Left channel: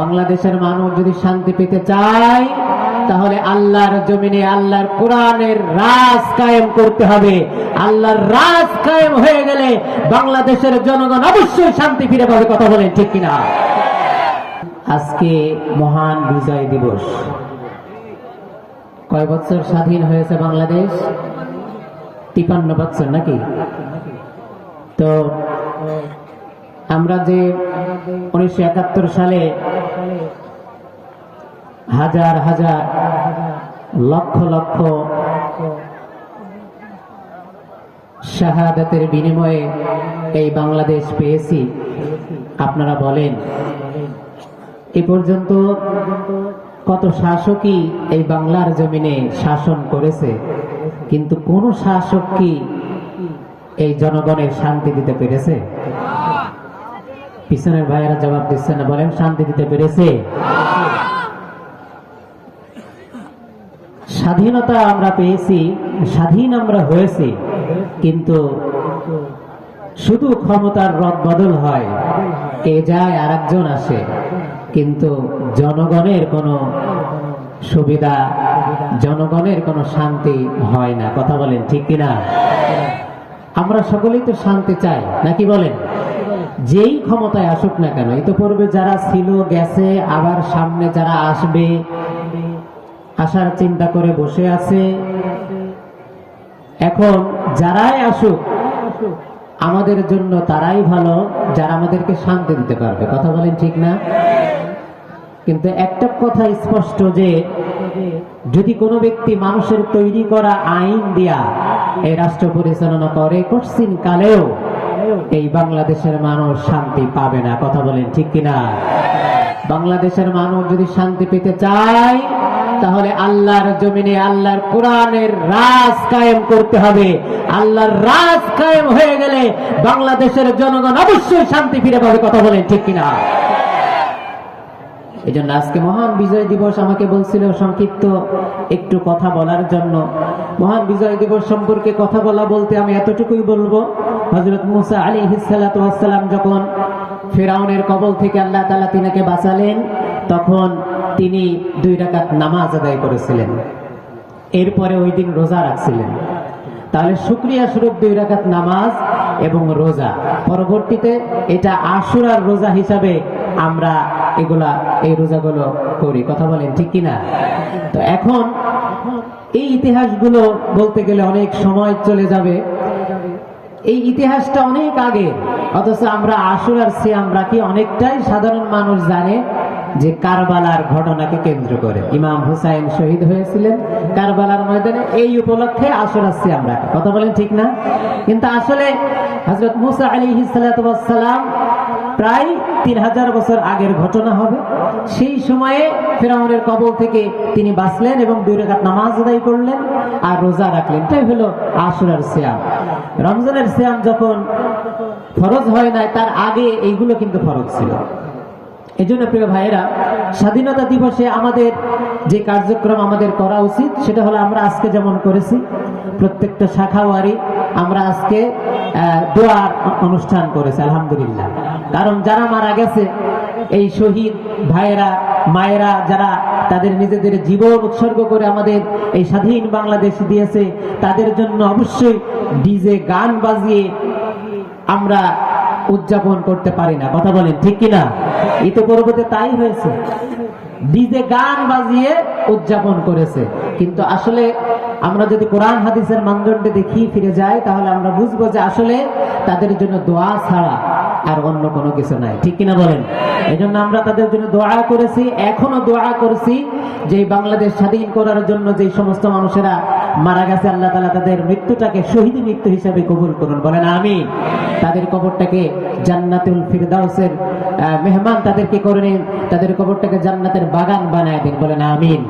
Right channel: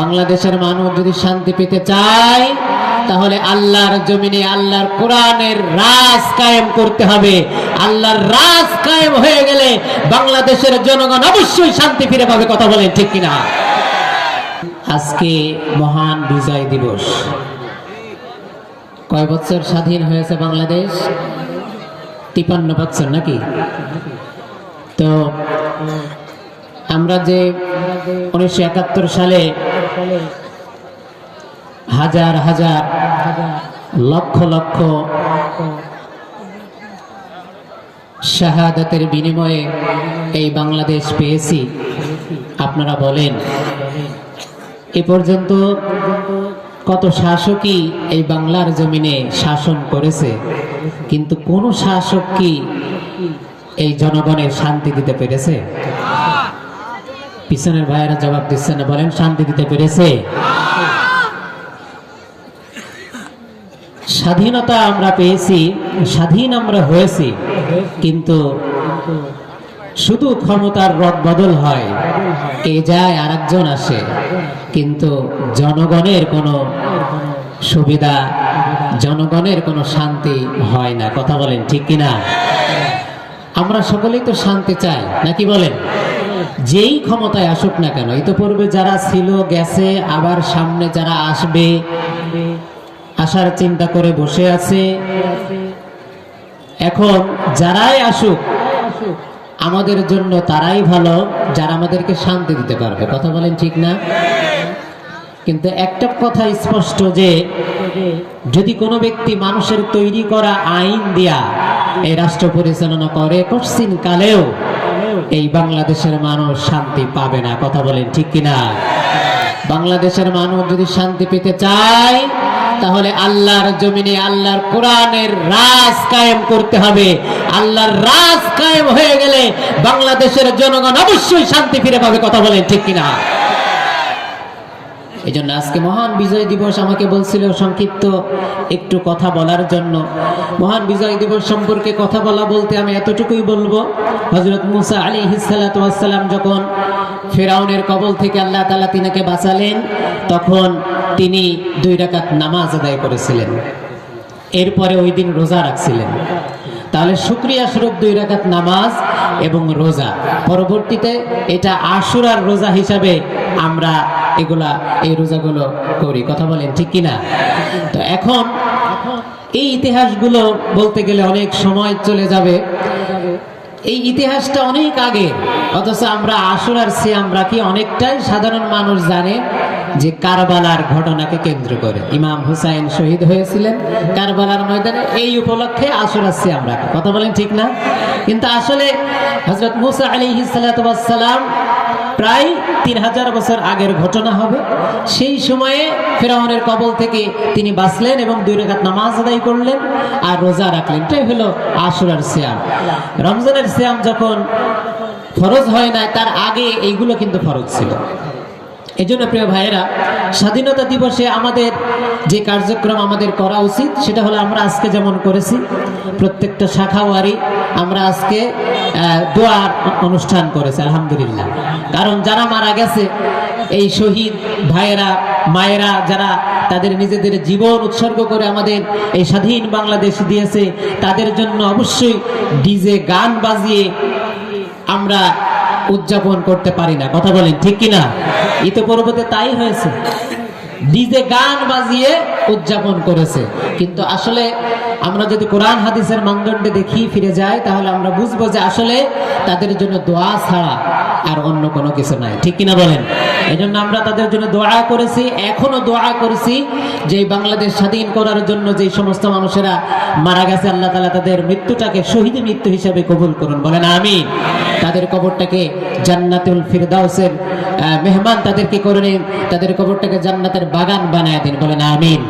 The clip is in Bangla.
বাংলাদেশের মানুষ যদি শান্তি পেতে চায়, তাহলে আল্লাহর জমিনে, আল্লাহর কোরআনের রাজ কায়েম করতে হবে। আল্লাহর রাজ কায়েম হয়ে গেলে বাংলাদেশের জনগণ অবশ্যই শান্তি ফিরে পাবে, কথা বলেন ঠিক কিনা? আজকে মহান বিজয় দিবস। কয় বছর স্বাধীন হয়েছে বাংলাদেশ? তিপান্ন বছর নাকি? তো আমরা যে উনিশশো একাত্তর সালে হাজার হাজার, লক্ষ লক্ষ শাহাদাতের বিনিময়ে এই বাংলাদেশ পেয়েছি। আপনারা বলেন, এ পর্যন্ত কত শাসকই এই বাংলার জমিনে শাসন করেছে, কিন্তু কোন শাসক কি এই জনগণের শান্তি দিতে পেরেছে? পিছনের ভাইয়েরা জবাব দিচ্ছে না, বলেন, শান্তি দিতে পেরেছে? স্বাধীনতা আমরা পেয়েছি, স্বাধীন আমরা হয়েছি, কিন্তু শুধু ক্ষমতার রদ বদল হয়, কে যায় আর একজন আসে, কিন্তু জনগণের কোনো সুবিধা, জনগণের কোনো শান্তি হয় না। কথা বলেন ঠিক কিনা? আমরা সকলেই তো শান্তি চাই, নাকি বলেন? যেই ক্ষমতায় আসুক না কেন ইতোপূর্বে যারা ছিল, গেছে, আবার সামনে যারা আসবে, আসার চিন্তা করে বসে আছে। এখন যারাই আসুক, আমাদের জন্য তারাই ভালো, যারা আমাদেরকে শান্তি দিতে পারবে। কথা বলেন ঠিক না? কিন্তু একটা কথা স্পষ্ট যে, যদি কোনো ব্যক্তি মানুষের তৈরি করা আইন দিয়া এই রাষ্ট্র পরিচালনা করে কঠিন কালেও এই বাংলাদেশের মানুষ শান্তি পাবে না। কথা বলেন ঠিক কিনা? বাংলাদেশের মানুষ যদি শান্তি পেতে চায়, তাহলে আল্লাহর জমিনে আল্লাহর কোরআনের রাজ কায়েম করতে হবে। আল্লাহর রাজ কায়েম হয়ে গেলে বাংলাদেশের জনগণ অবশ্যই শান্তি ফিরে পাবে। কথা বলেন ঠিক কিনা? এই জন্য আজকে মহান বিজয় দিবস আমাকে বলছিল সংক্ষিপ্ত একটু কথা বলার জন্য। মহান বিজয় দিবস সম্পর্কে কথা বলা বলতে আমি এতটুকুই বলব। হজরত মুসা আলী হিসালাম যখন ফেরাউনের কবল থেকে আল্লাহ তালা তিনাকে বাঁচালেন, তখন তিনি দুই রাকাত নামাজ আদায় করেছিলেন। এরপরে ওই দিন রোজা রাখছিলেন। তাহলে শুক্রিয়া স্বরূপ দুই রাকাত নামাজ এবং রোজা। পরবর্তীতে এটা আশুরার রোজা হিসাবে আমরা এগুলা, এই রোজাগুলো করি। কথা বলেন ঠিক কিনা? তো এখন এই ইতিহাসগুলো বলতে গেলে অনেক সময় চলে যাবে। এই ইতিহাসটা অনেক আগে অথচ আমরা আসরার সিয়াম রাখি, অনেকটাই সাধারণ মানুষ জানে। যে কারবালার ঘটনাকে কেন্দ্র করে। ইমাম হুসাইন শহীদ হয়েছিলেন কারবালার ময়দানে। এই উপলক্ষে আসরার সিয়াম রাখি কথা বলেন ঠিক না? কিন্তু আসলে হজরত মুসা আলী সালাম প্রায় তিন হাজার বছর আগের ঘটনা হবে। সেই সময়ে ফেরাউনের কবল থেকে তিনি বাঁচলেন এবং দুই রেখাত নামাজ আদায় করলেন আর রোজা রাখলেন। এটাই হলো আশুরার সিয়াম। রমজানের সিয়াম যখন ফরজ হয় না তার আগে এইগুলো কিন্তু ফরজ ছিল। এই জন্য প্রিয় ভাইয়েরা, স্বাধীনতা দিবসে আমাদের যে কার্যক্রম আমাদের করা উচিত, সেটা হলো আমরা আজকে যেমন করেছি, প্রত্যেকটা শাখাওয়ারি আমরা আজকে দোয়ার অনুষ্ঠান করেছি, আলহামদুলিল্লাহ। কারণ যারা মারা গেছে, এই শহীদ ভাইয়েরা, মায়েরা যারা তাদের নিজেদের জীবন উৎসর্গ করে আমাদের এই স্বাধীন বাংলাদেশ দিয়েছে, তাদের জন্য অবশ্যই ডিজে গান বাজিয়ে আমরা উদযাপন করতে পারি না। কথা বলেন, ঠিক কিনা? ইতোপূর্বতে তাই হয়েছে। ডিজে গান বাজিয়ে উদযাপন করেছে। কিন্তু আসলে আমরা যদি কোরআন, হাদিসের মানদণ্ডে দেখি, ফিরে যাই, তাহলে আমরা বুঝব যে আসলে তাদের জন্য দোয়া ছাড়া আর অন্য কোনো কিছু নাই। ঠিক কিনা বলেন? এই জন্য আমরা তাদের জন্য দোয়া করেছি, এখনও দোয়া করেছি যে বাংলাদেশ স্বাধীন করার জন্য যে সমস্ত মানুষেরা মারা গেছে, আল্লাহ তালা তাদের মৃত্যুটাকে শহীদ মৃত্যু হিসেবে কবুল করুন। বলেন আমি তাদের কবরটাকে জান্নাতুল ফিরদাউসের মেহমান তাদেরকে করে নিন। তাদের কবরটাকে জান্নাতের বাগান বানায় দিন। বলেন, আমিন।